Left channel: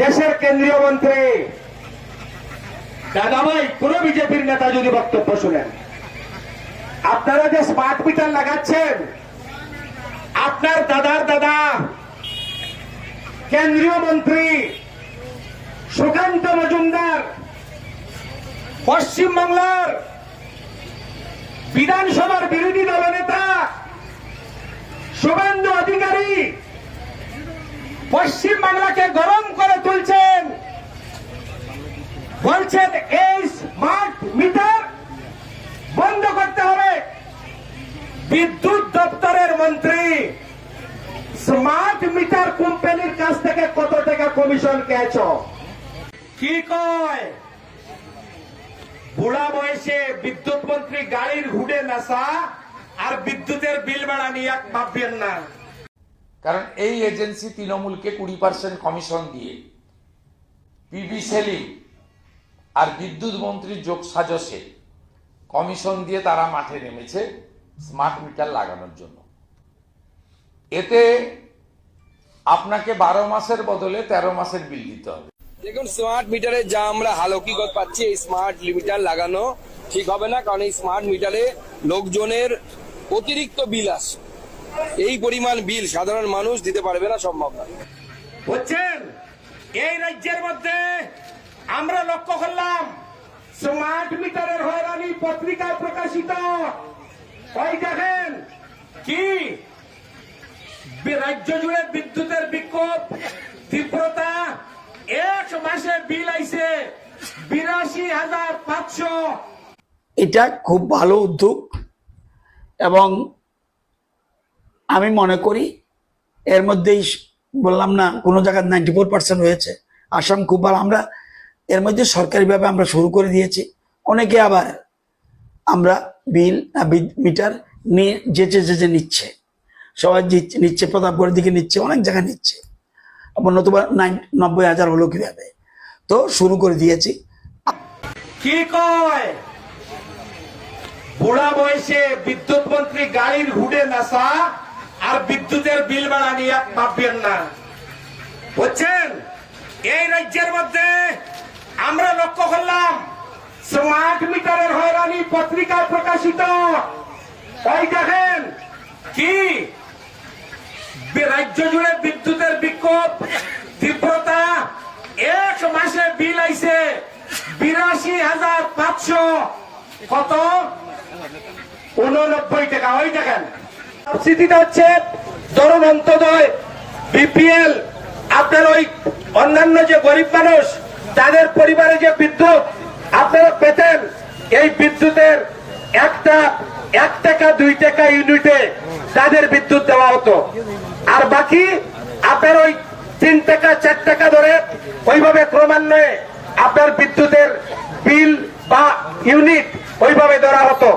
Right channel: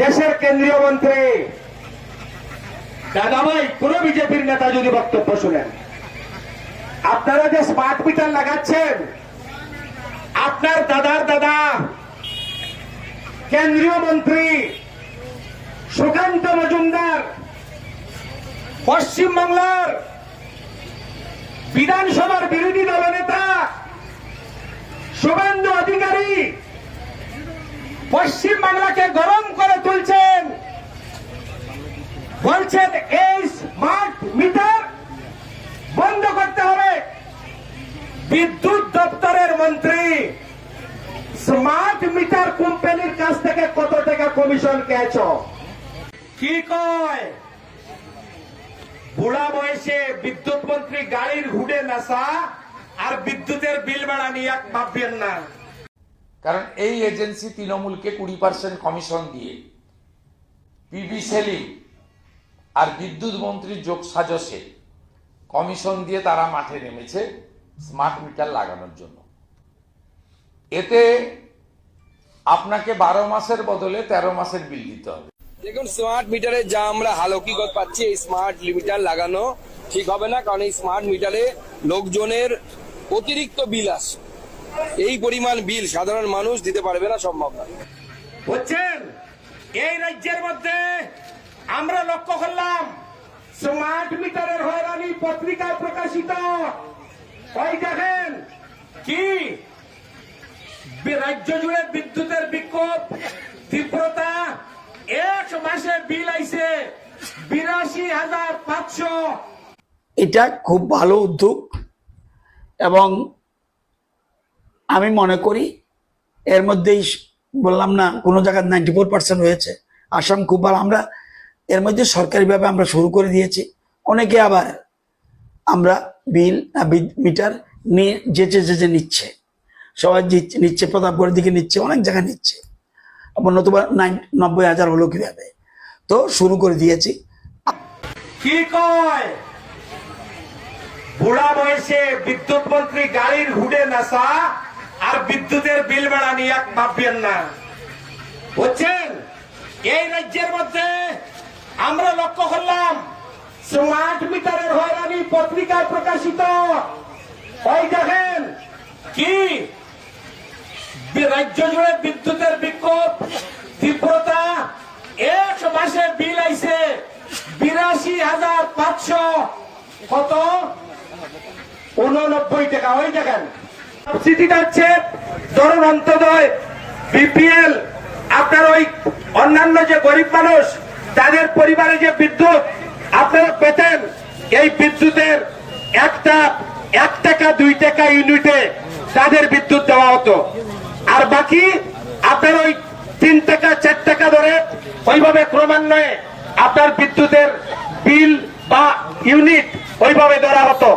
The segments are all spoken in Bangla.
দেশের কেন্দ্রীয় মন্ত্রী। দাদাভাই, কোন বিজেপির নেতা যদি বক্তব্য শুনেন। আপনারা যে স্মার্ট মিটার লাগাচ্ছেন, আপনার দাদার দাদা, কেন্দ্রীয় মন্ত্রী, সুকান্ত মজুমদার, পশ্চিমবাংলার বিধানসভার বিরোধী দলনেতা, শুভেন্দু অধিকারী পশ্চিম বাংলাকে গরম তুলছেন। বলছেন, এই স্মার্ট মিটার বন্ধ করতে হবে। বিদ্যুৎ দপ্তরের মন্ত্রী স্মার্ট মিটার কোম্পানির কাছ থেকে কত টাকা কমিশন খেয়েছ কি কয়? বুড়া বয়সে বিদ্যুৎ মন্ত্রী গাড়ির হুডে নাসা আর বিদ্যুতের বিল বাড়া নিয়ে ভাববেন না। কারণ এই এজেন্সি তৃণমূলকে কুড়ি পার্সেন্ট কমিশন দিয়ে। পিবি সেলিং আর বিদ্যুৎ মন্ত্রীর যোগ সাজসে কমিশন দিয়ে তারা মাঠে নেমেছে স্মার্ট মিটার লাগানোর জন্য। এতে আপনাকে বারো মাসের বদলে তেরো মাসের বিল দিতে হবে। দেখুন স্মার্ট মিটারে যা আমরা হালকিগত পাচ্ছি এই স্মার্ট মিটার লাগানো ঠিক হবে না কারণ এই স্মার্ট মিটারে লোকজনের অতিরিক্ত বিল আসে এই পরিমাণ বিল সাধারণ মানুষ দিতে পারবে না সম্ভব না। বুঝছেন এই রাজ্যের মধ্যে আমরা লক্ষ্য করলাম স্মার্ট মিটারের হয়রানি পত্রিকায় প্রকাশিত। ওই দেখেন কি? রাজ্য জুড়ে বিদ্যুতের বিক্ষোভ, তীব্রতা, এক মাসে বিল আইছে বিরাশি হাজার পাঁচশো। এটা খুব ভালো উদ্যোগ এবং আমি মনে করি এর মধ্যেই বললাম, না, কোনো জায়গায় নাইনটি ফোর পার্সেন্ট হয়েছে। আসাম খুব ভালো আমরা এর মধ্যে সরকারিভাবে আমরা শুরু করে দিয়েছি। অনেকে আবার আমরা বিল মিটার নিয়ে যেচে যেচে নিচ্ছে। সবাই জিত- নিচ্ছে প্রতাপগড়ের দিকে নিচ্ছে, অনেক জায়গায় নিচ্ছে। আবার নতুবা নাইন, নব্বই হাজার হলো কীভাবে? তো শুরু করে দিয়েছি। কি কয়? বুড়া বয়সে বিদ্যুৎ মন্ত্রী গাড়ির হুডে নাসা আর বিদ্যুতের বিল বাড়া নিয়ে এক ভাববেন না। বুঝছেন? এই রাজ্যের মধ্যে আমরা লক্ষ্য করলাম স্মার্ট মিটারের হয়রানি পত্রিকায় প্রকাশিত। ওই দেখেন, কি? রাজ্য জুড়ে বিদ্যুতের বিক্ষোভ, তীব্রতা, এক মাসে বিল আইছে বিরাশি হাজার পাঁচশো। কত? উননব্বই টাকা। ওই দেখেন অন্যান্য যে গরিব মানুষ, তাদের পরিবারে যে বিদ্যুৎ, আপনারা পেতেন। এই বিদ্যুতের একটা, এক টাকা, দুই টাকা ইউনিটে তাদের বিদ্যুৎ দেওয়া হতো। আর বাকি, আপনার ওই তিন টাকা, চার টাকা ধরে ওইভাবে ক্রমান্বয়ে আপনার বিদ্যুতের বিল বা ইউনিট ওইভাবে ধরা হতো।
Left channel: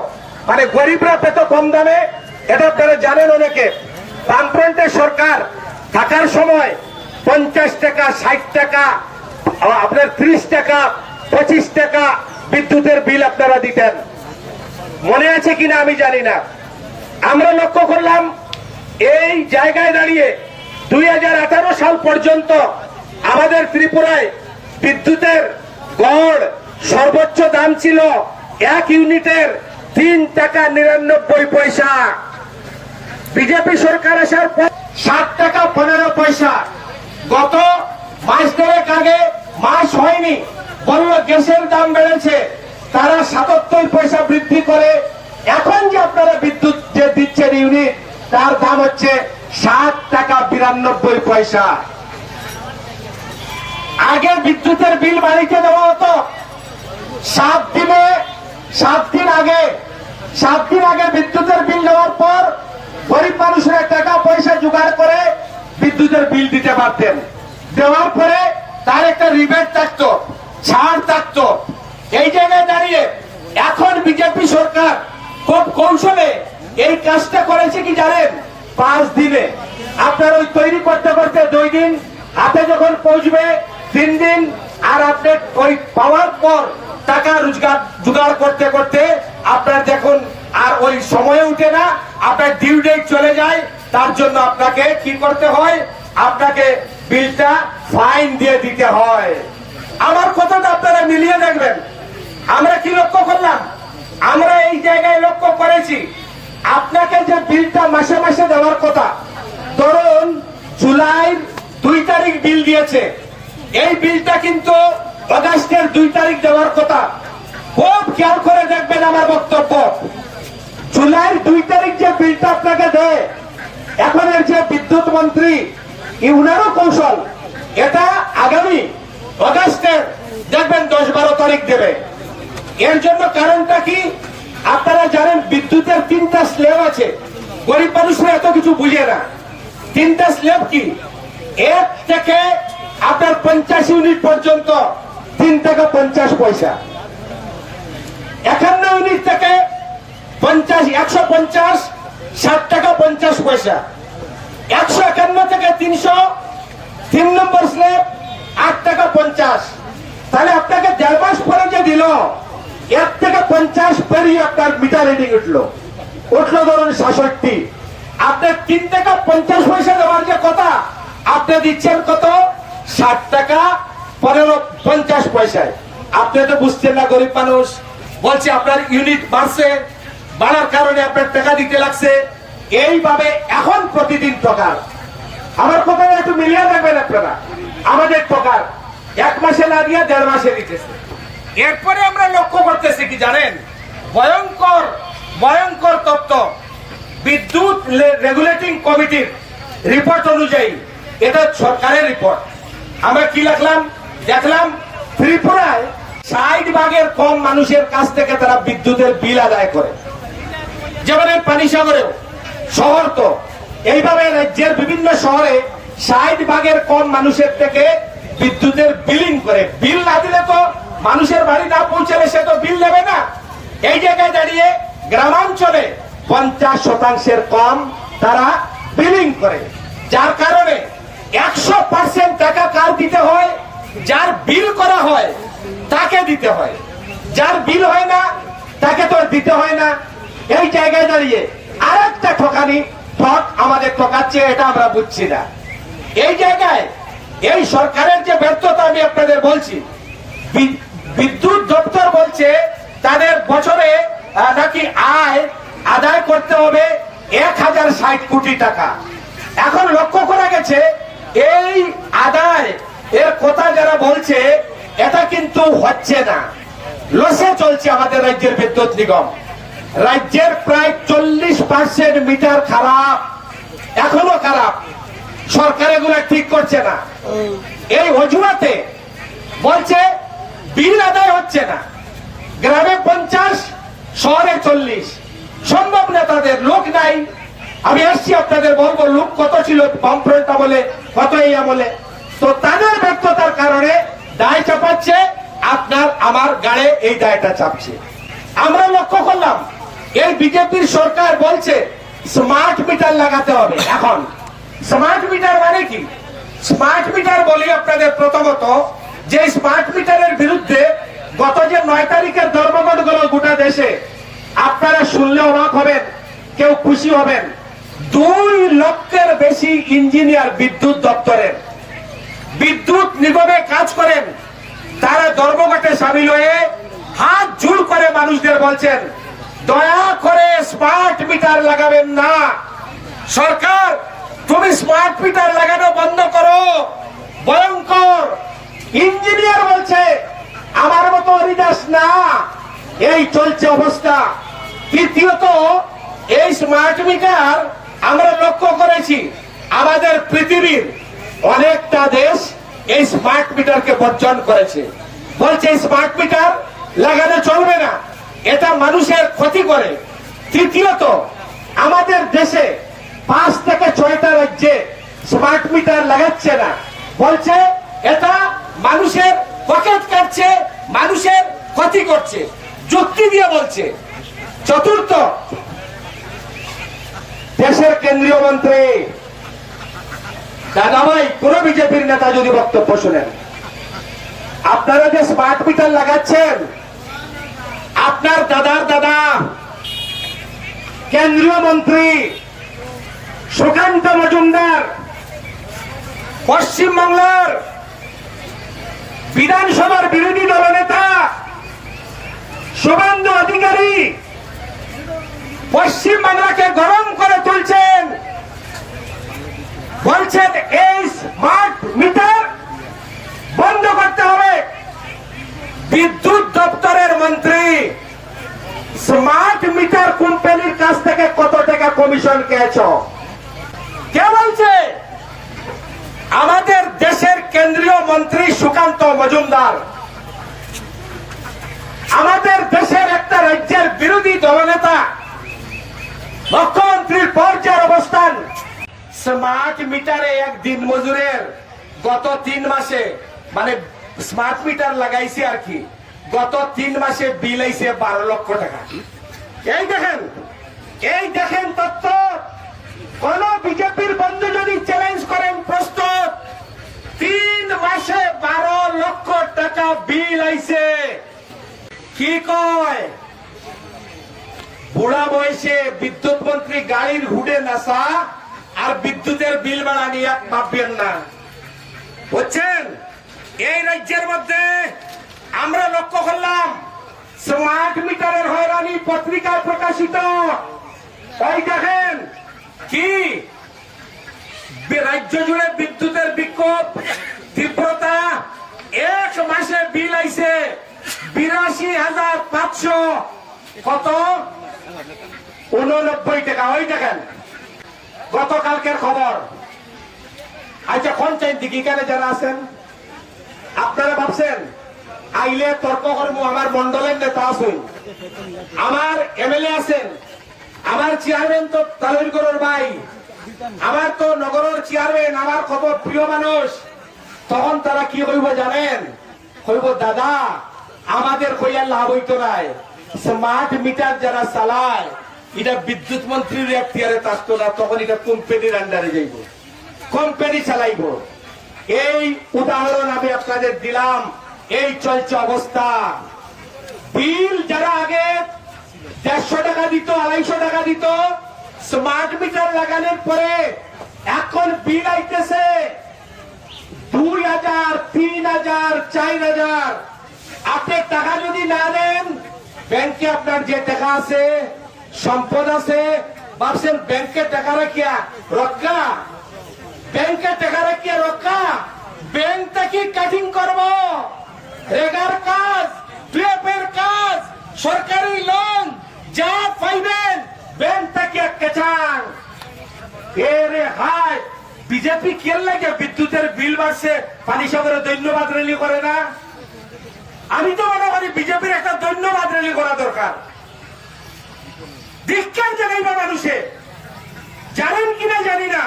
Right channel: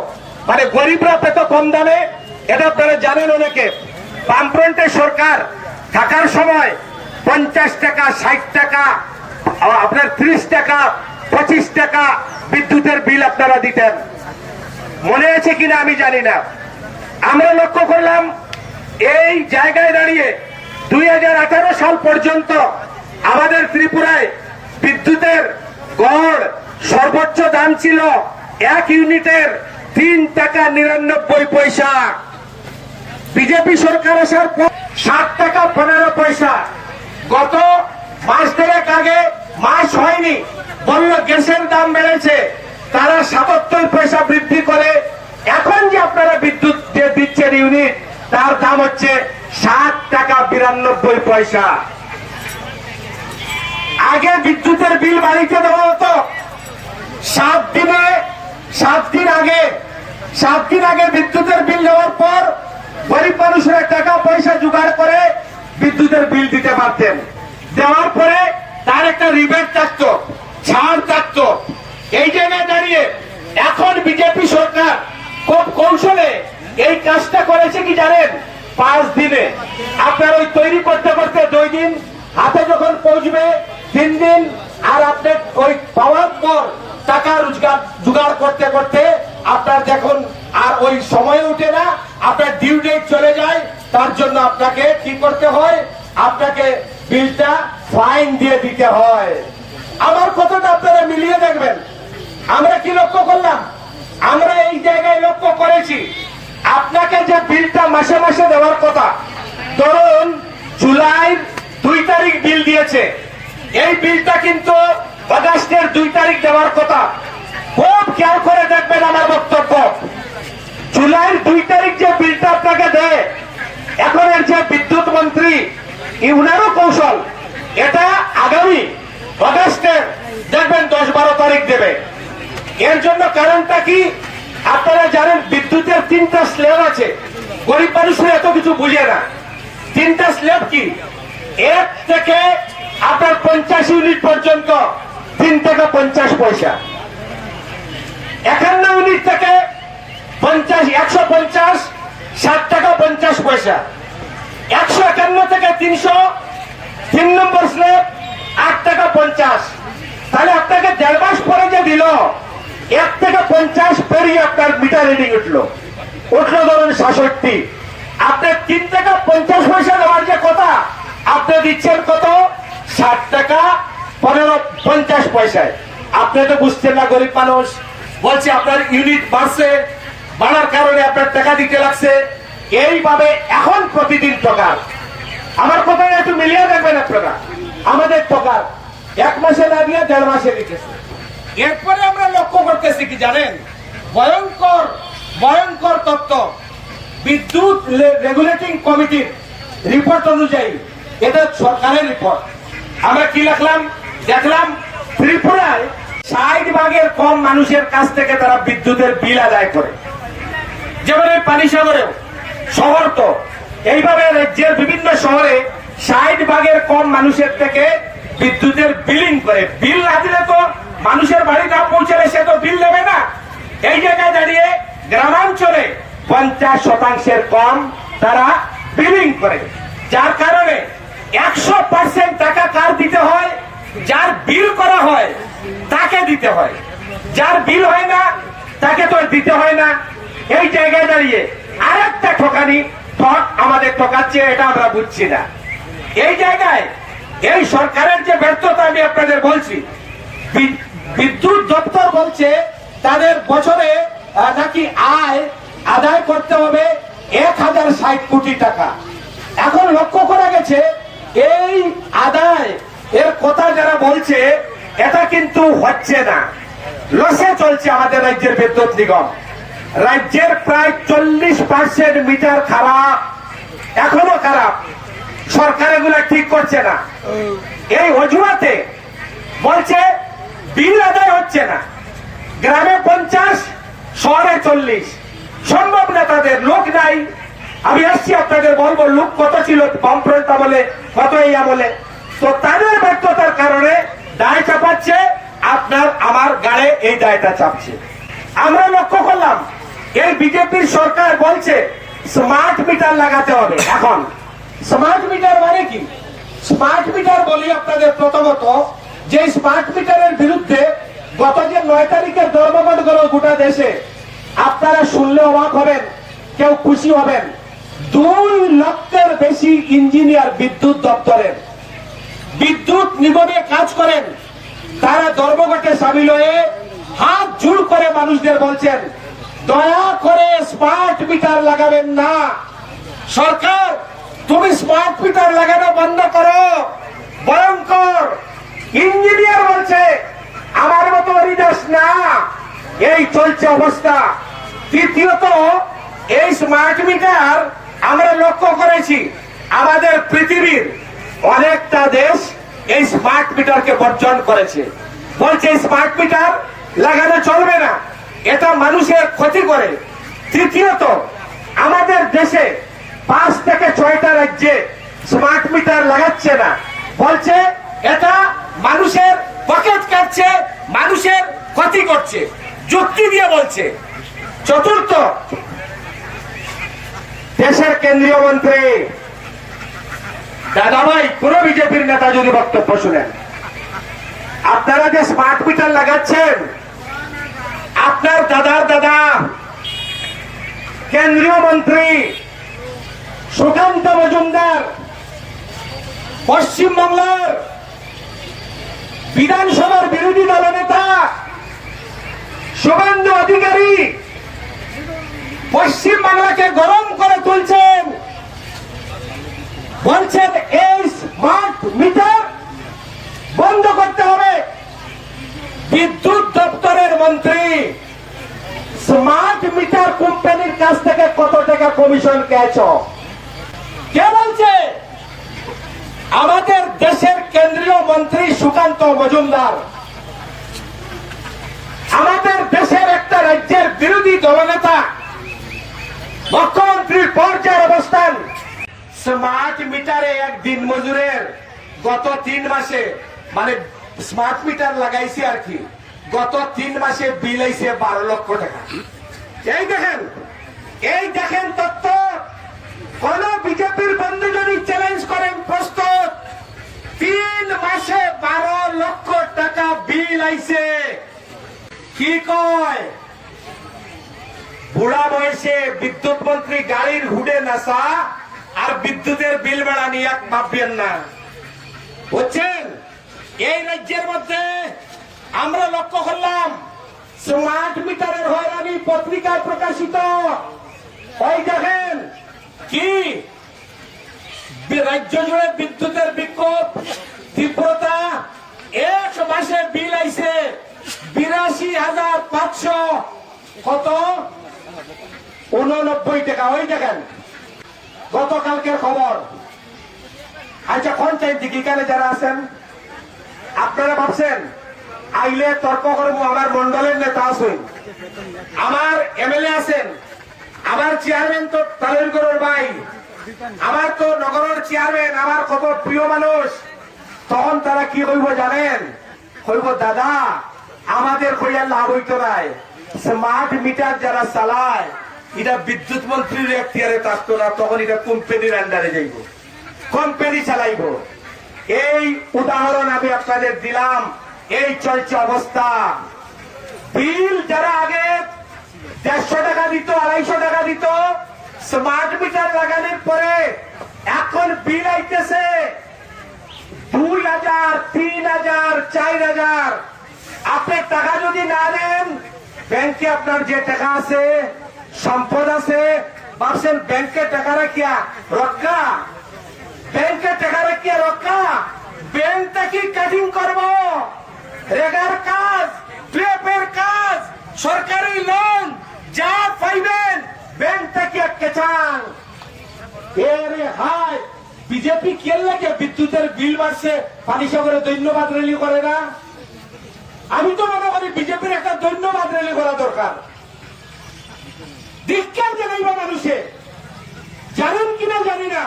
মানে গরিবরা পেত কম দামে এটা আপনারা জানেন অনেকে। বামফ্রন্টের সরকার থাকার সময় পঞ্চাশ টাকা, ষাট টাকা, আপনার ত্রিশ টাকা, পঁচিশ টাকা বিদ্যুতের বিল আপনারা দিতেন। মনে আছে কিনা আমি জানি না। আমরা লক্ষ্য করলাম, এই জায়গায় দাঁড়িয়ে দুই হাজার আঠারো সাল পর্যন্ত আমাদের ত্রিপুরায় বিদ্যুতের গড় সর্বোচ্চ দাম ছিল এক ইউনিটের তিন টাকা নিরানব্বই পয়সা। বিজেপি সরকার আসার পর ষাট টাকা, পনেরো পয়সা। গত মাস দেড়েক আগে মাস হয়নি বলল গ্যাসের দাম বেড়েছে। তারা সাতাত্তর পয়সা বৃদ্ধি করে। এখন যে আপনারা বিদ্যুৎ যে দিচ্ছেন ইউনিট, তার দাম হচ্ছে ষাট টাকা বিরানব্বই পয়সা। আগে বিদ্যুতের বিল বাড়িতে দেওয়া হতো। সাত দিনে, সাত দিন আগে, সাত দিন আগে বিদ্যুতের বিল দেওয়ার পর গরিব মানুষের টাকা পয়সা জোগাড় করে বিদ্যুতের বিল দিতে পারতেন। দেওয়ার পরে তার একটা রিবেট থাকতো, ছাড় থাকতো। এই জায়গায় দাঁড়িয়ে এখন বিজেপি সরকার খুব কৌশলে এই কাজটা করেছে কি জানেন? পাঁচ দিনে। আপনার ওই তৈরি করতে করতে দুই দিন হাতে যখন পৌঁছবে, তিন দিন আর আপনি ওই পাওয়ার পর টাকা রোজগার জোগাড় করতে করতে আপনার দেখুন আর ওই সময় উঠে না, আপনার ডিউ ডেট চলে যায়, তার জন্য আপনাকে কি করতে হয়? আপনাকে বিলটা ফাইন দিয়ে দিতে হয়। আমার কথাটা আপনারা মিলিয়ে দেখবেন। আমরা কি লক্ষ্য করলাম? আমরা এই জায়গায় লক্ষ্য করেছি। আপনাকে যে বিলটা মাসে মাসে দেওয়ার কথা, ধরুন জুলাই দুই তারিখ বিল দিয়েছে। এই বিলটা কিন্তু আগস্টের দুই তারিখ দেওয়ার কথা। খুব খেয়াল করে দেখবেন আমার বক্তব্য। জুলাইয়ের দুই তারিখ যে বিলটা আপনাকে দেয়, এখন এর যে বিদ্যুৎ মন্ত্রী, এই উনারও কৌশল। এটা আগামী অগাস্টের, দেখবেন দশ বারো তারিখ দেবে। এর জন্য কারণটা কি? আপনারা জানেন, বিদ্যুতের তিনটা স্ল্যাব আছে। গরিব মানুষরা এত কিছু বুঝে না। তিনটা স্ল্যাব কি? এক থেকে আপনার পঞ্চাশ ইউনিট পর্যন্ত, তিন টাকা পঞ্চাশ পয়সা। একান্ন ইউনিট থেকে পঞ্চাশ, একশো পঞ্চাশ, ষাট টাকা পঞ্চাশ পয়সা। একশো একান্ন থেকে তিনশো, তিন নম্বর স্ল্যাব, আট টাকা পঞ্চাশ। তাহলে আপনাকে দেড় মাস পরে যে দিল, এক থেকে পঞ্চাশ পেরিয়ে আপনার মিটার রিডিং উঠল। উঠল ধরুন সাতষট্টি। আপনার তিন টাকা পঞ্চাশ পয়সা দেওয়ার যে কথা, আপনি দিচ্ছেন কত? ষাট টাকা, পনেরো, পঞ্চাশ পয়সায়। আপনি তো বুঝছেন না, গরিব মানুষ। বলছে আপনার ইউনিট বাড়ছে বাড়ার কারণে আপনার টাকা দিতে লাগছে। এইভাবে এখন প্রতিদিন টাকার। আমার কথা একটু মিলিয়ে দেখবেন আপনারা। আমাদের টাকার এক মাসে না দিয়ে দেড় মাসে দিতেছে। এরপরে আমরা লক্ষ্য করতেছি কি জানেন? ভয়ঙ্কর ভয়ঙ্কর তত্ত্ব বিদ্যুৎ রেগুলেটিং কমিটির রিপোর্ট অনুযায়ী এটা সরকারের রিপোর্ট আমরা কি লিখলাম? দেখলাম ত্রিপুরায় ষাট ভাগের কম মানুষের কাছ থেকে তারা বিদ্যুতের বিল আদায় করে। যেমন এই পানিসাগরেও শহর তো, এইভাবে রাজ্যের বিভিন্ন শহরে ষাট ভাগের কম মানুষের থেকে বিদ্যুতের বিলিং করে। বিল না দিলে তো মানুষের বাড়ি না পৌঁছালে সে তো বিল দেবে না। এই জায়গায় দাঁড়িয়ে গ্রামাঞ্চলে পঞ্চাশ শতাংশের কম তারা বিলিং করে। যার কারণে একশো পার্সেন্ট টাকা কার দিতে হয়? যার বিল করা হয়, তাকে দিতে হয়। যার বিল হয় না, তাকে তো দিতে হয় না। এই জায়গায় দাঁড়িয়ে আর একটা ঠকানি ঠক আমাদের ঠকাচ্ছে, এটা আমরা বুঝছি না। এই জায়গায় এই সরকারের যে ব্যর্থতা আমি আপনাদের বলছি বিদ্যুৎ দপ্তর বলছে তাদের বছরে নাকি আয় আদায় করতে হবে এক হাজার ষাট কোটি টাকা। এখন লক্ষ্য করা গেছে, এই আদায় এর কথা যারা বলছে, এটা কিন্তু হচ্ছে না। লসে চলছে আমাদের রাজ্যের বিদ্যুৎ নিগম। রাজ্যের প্রায় চল্লিশ পার্সেন্ট মিটার খারাপ, এখনও খারাপ। সরকার এগুলা ঠিক করছে না। এই অজুহাতে বলছে, বিল আদায় হচ্ছে না। গ্রামে পঞ্চাশ, শহরে চল্লিশ। সম্ভব না তাদের, লোক নাই। আমি আসছি আপনাদের বলব, লোক কত ছিল বামফ্রন্ট বলে কত এই আমলে। তো তাদের ব্যর্থতার কারণে দায় চাপাচ্ছে, আপনার আমার গাড়ে এই দায়টা চাপছে। আমরা লক্ষ্য করলাম এই বিজেপির সরকার বলছে স্মার্ট মিটার লাগাতে হবে, এখন। স্মার্ট মিটার মানে কি? স্মার্ট মিটার বলি আপনাদের প্রথমত, যে স্মার্ট মিটারের বিরুদ্ধে গত যে নয় তারিখের ধর্মঘট গেল গোটা দেশে, আপনারা শুনলে অবাক হবেন, কেউ খুশি হবেন। দুই লক্ষের বেশি ইঞ্জিনিয়ার বিদ্যুৎ দপ্তরের। বিদ্যুৎ নিগমে কাজ করেন, তারা ধর্মঘটে সামিল হয়ে হাত জুল করে মানুষদের বলছেন দয়া করে স্মার্ট মিটার লাগাবেন না। সরকার, তুমি স্মার্ট মিটার লাগানো বন্ধ করো। ভয়ঙ্কর। ইঞ্জিনিয়ার বলছে, আমার মতো হরিদাস না। এই চলছে অবস্থা। তৃতীয়ত, এই স্মার্ট মিটার আমরা লক্ষ্য করেছি, আমাদের পৃথিবীর অনেকটা দেশ এই স্মার্ট মিটারকে বর্জন করেছে। বলছে স্মার্ট মিটার লাগানো চলবে না। এটা মানুষের ক্ষতি করে। তৃতীয়ত, আমাদের দেশে পাঁচ থেকে ছয়টা রাজ্যে স্মার্ট মিটার লাগাচ্ছে না। বলছে, এটা মানুষের পকেট কাটছে মানুষের ক্ষতি করছে। যুক্তি দিয়ে বলছে। চতুর্থ, দেশের কেন্দ্রীয় মন্ত্রী, দাদাভাই, কোন বিজেপির নেতা যদি বক্তব্য শুনেন। আপনারা যে স্মার্ট মিটার লাগাচ্ছেন আপনার দাদার দাদা কেন্দ্রীয় মন্ত্রী সুকান্ত মজুমদার পশ্চিমবাংলার বিধানসভার বিরোধী দলের দেশের কেন্দ্রীয় মন্ত্রী সুকান্ত মজুমদার। আমাদের দেশের একটা রাজ্যের বিরোধী দলনেতা, মুখ্যমন্ত্রীর পর্যায়ের অবস্থান। স্মার্ট মিটারে এক দিন মজুরের গত তিন মাসে মানে স্মার্ট মিটার লাগাইছে আর কি, গত তিন মাসে বিল আইছে বারো লক্ষ টাকা। এই দেখেন এই দেখেন তথ্য কোন বিজেপির বন্ধু যদি চ্যালেঞ্জ করেন প্রস্তুত তিন মাসে বারো লক্ষ টাকা বিল আইছে কি কয়? বুড়া বয়সে বিদ্যুৎ মন্ত্রী গাড়ির হুডে নাসা আর বিদ্যুতের বিল ভাড়া নিয়ে এক ভাববেন না বুঝছেন? এই রাজ্যের মধ্যে আমরা লক্ষ্য করলাম স্মার্ট মিটারের হয়রানি পত্রিকায় প্রকাশিত। ওই দেখেন? কি? রাজ্য জুড়ে বিদ্যুতের বিক্ষোভ, তীব্রতা এক মাসে বিল আইছে বিরাশি হাজার পাঁচশো। কত? উননব্বই টাকা, ওই দেখেন। গতকালকের খবর। আচ্ছা পঞ্চায়েত দিকে এখানে যারা আছেন, আপনারা ভাবছেন, আইলে তর্ক করব, আমার মন্ডলের নেতা আছেন। আমার এমএলএ আছেন, আমার চেয়ারম্যান তো তালিরগড়ের ভাই, আমার তো নগরের চেয়ারম্যান, আমার কত প্রিয় মানুষ। তখন তারা কি হইব জানেন? হইব, দাদা, আমাদের কইয়ার লাভ হইতো নাই। স্মার্ট মিটার যারা চালায়, এটা বিদ্যুৎ মন্ত্রীর এখতিয়ারে থাকতো না, তখন এটা কোম্পানির আন্ডারে যাইব। কোম্পানি চালাইব। এই উদাহরণ আমি আপনাদের দিলাম। এই চলছে অবস্থা। বিল যারা আগে দেড়শো টাকা দিত, আড়াইশো টাকা দিত স্মার্ট মিটার লাগানোর পরে এখন বিল আইতেছে। দুই হাজার তিন হাজার চার হাজার আপনি টাকা যদি না দেন, ব্যাংকে আপনার যে টাকা আছে, সম্পদ আছে, ভাবছেন ব্যাংকে টাকা রাখিয়া রক্ষা? ব্যাংকে টাকা রাখিয়া রক্ষা? ব্যাংকটা কি কাটিং করব? রেগার কাজ পিএফের কাজ, সরকারি লোন যা পাইবেন, ব্যাংকটা কি একটা চান এরে হায়! বিজেপি কেন লাগে? বিদ্যুতের বিল বাড়ছে, পানি সাগরে ধন্যবাদ রেলি করে না? আমি তো মনে করি বিজেপির একটা ধন্যবাদ রেলি করা দরকার। দীক্ষার জানাইবা মানুষে। জানেন কিনা জানি না।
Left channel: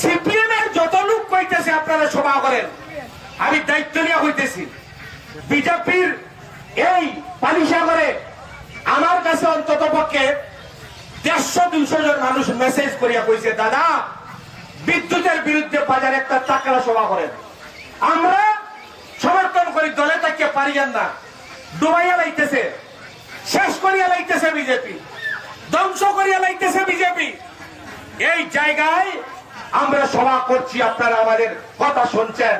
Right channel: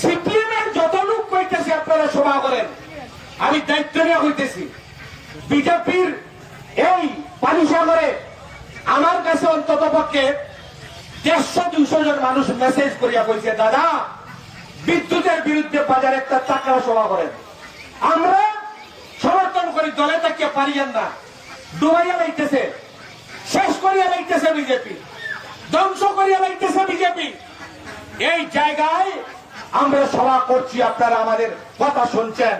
সিপিএম এর যত লোক কইতেছে আপনারা সভা করেন, আমি দায়িত্ব নিয়ে হইতেছি বিজেপির এই পানিসাগরে আমার কাছে অন্তত পক্ষে দেড়শো, দুইশো জন মানুষ মেসেজ করিয়া কইছে, দাদা বিদ্যুতের বিরুদ্ধে বাজারে একটা চাকরা সভা করেন। আমরা সমর্থন করি, দলে তাকে পারিয়েন না। ডুবাইয়া লাইতেছে শেষ করিয়া লাইতেছে বিজেপি। ধ্বংস করিয়া লাইতেছে বিজেপি। এই জায়গায় আমরা সভা করছি, আপনারা আমাদের কথা শুনছেন।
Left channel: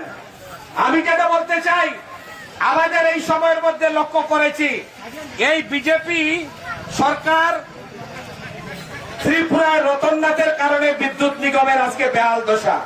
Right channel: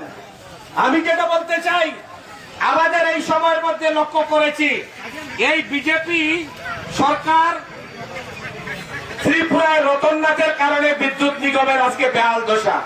আমি যেটা বলতে চাই, আমাদের এই সময়ের মধ্যে লক্ষ্য করেছি, এই বিজেপি সরকার ত্রিপুরায় রতননাথের কারণে বিদ্যুৎ নিগমের আজকে বেহাল দশা।